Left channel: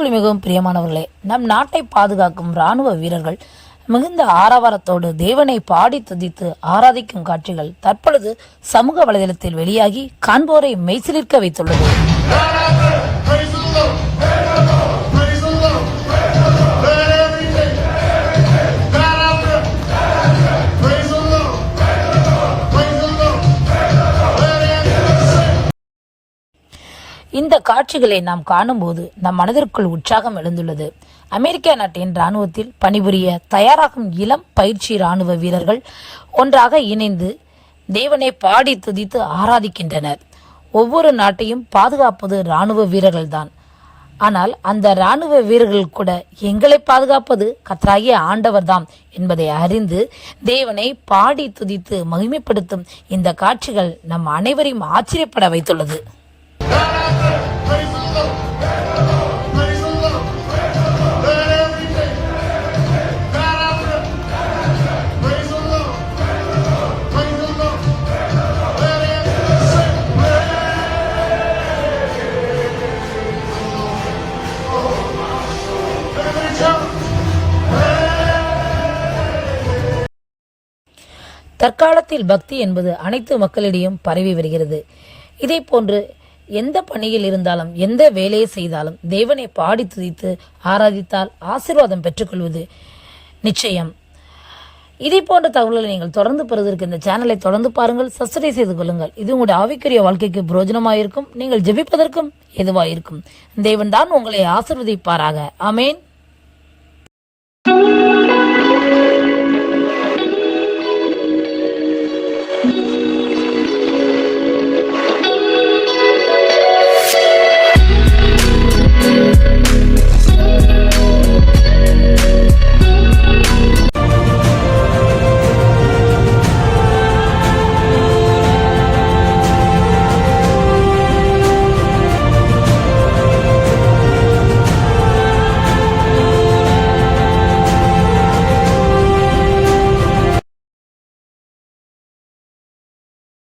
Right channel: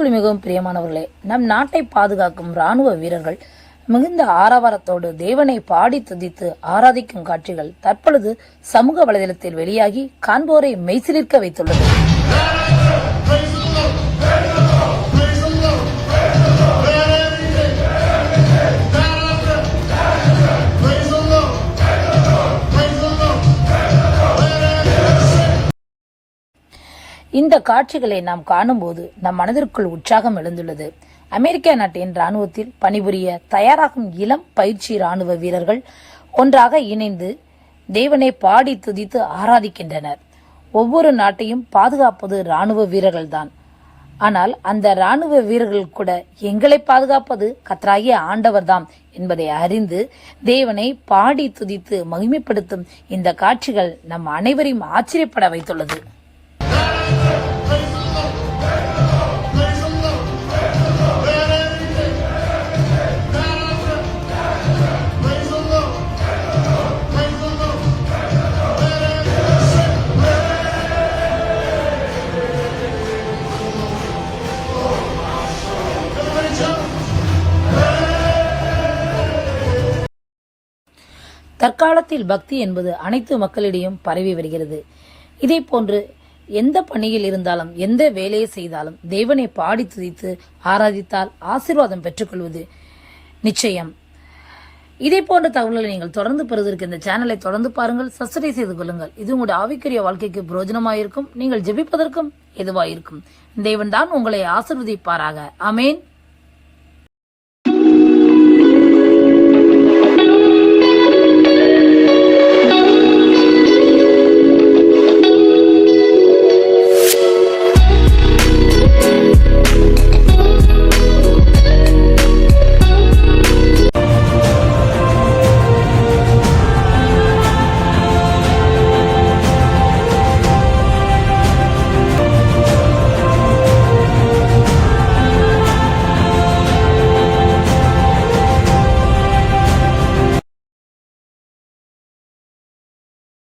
கிறிஸ்துவுக்குள் மிகவும் பிரியமானவர்களே, நம் நாட்டை பாதுகாக்கும் ராணுவ வீரர்கள் மிகுந்த ஆரவாரத்தோடு தேவனை பாடி துதித்து ஆராதிக்கும் காட்சிகள் தற்பொழுது சமூக வலைதளத்தில் வெளியாகி காண்போரை மெய்சிலிர்க்க வைத்துள்ளது. இந்த காட்சிகளை நாம் காணும்போது நம் மனதிற்குள் உற்சாகம் எழுந்துள்ளது. அமெரிக்கா நாட்டின் ராணுவத்தில் பணிபுரிய தயாராகும் இளம் பயிற்சி ராணுவ வீரர்கள் ஒன்றாக இணைந்து தேவனை பாடி துதித்து ஆராதிக்கின்றனர். ஒவ்வொரு நாட்டையும் பாதுகாப்பது ராணுவ வீரர்கள் தான். ஆனால் அந்த ராணுவ வீரர்கள் கூட எங்களை பாதுகாப்பது கர்த்தராகிய ஆண்டவர்தாம் என்பதை அறிந்து தேவனை பாடி துதித்து மகிமைப்படுத்தும் இந்த காட்சிகள் நம் அனைவரையும் ஆச்சரியப்பட வைத்துள்ளது. தற்காலத்தில் பக்தி என்பது அனைத்து மக்களிடையும் பரவி வருகிறது. இதே போன்று எந்த பணியில் இருந்தாலும் எந்த வேலையை செய்தாலும் தேவனை பாடி துதித்து ஆராதித்தால் ஆசீர்வாதம் பெற்றுக்கொள்வது நிச்சயம். இதே போன்ற தகவல்களை நீங்கள் தொடர்ந்து பெறுவதற்கு இந்த சேனலை தொடர்ந்து பாருங்கள், சப்ஸ்கிரைப் செய்து கொள்ளுங்கள். இது உங்களுடைய ஆவிக்குரிய வாழ்க்கைக்கு பிரயோஜனமாயிருக்கும், நீங்கள் ஜெபிப்பதற்கும் எதுவாயிருக்கும். தேவன் தான் உங்களை ஆசீர்வதிப்பாராக. ஆமென்.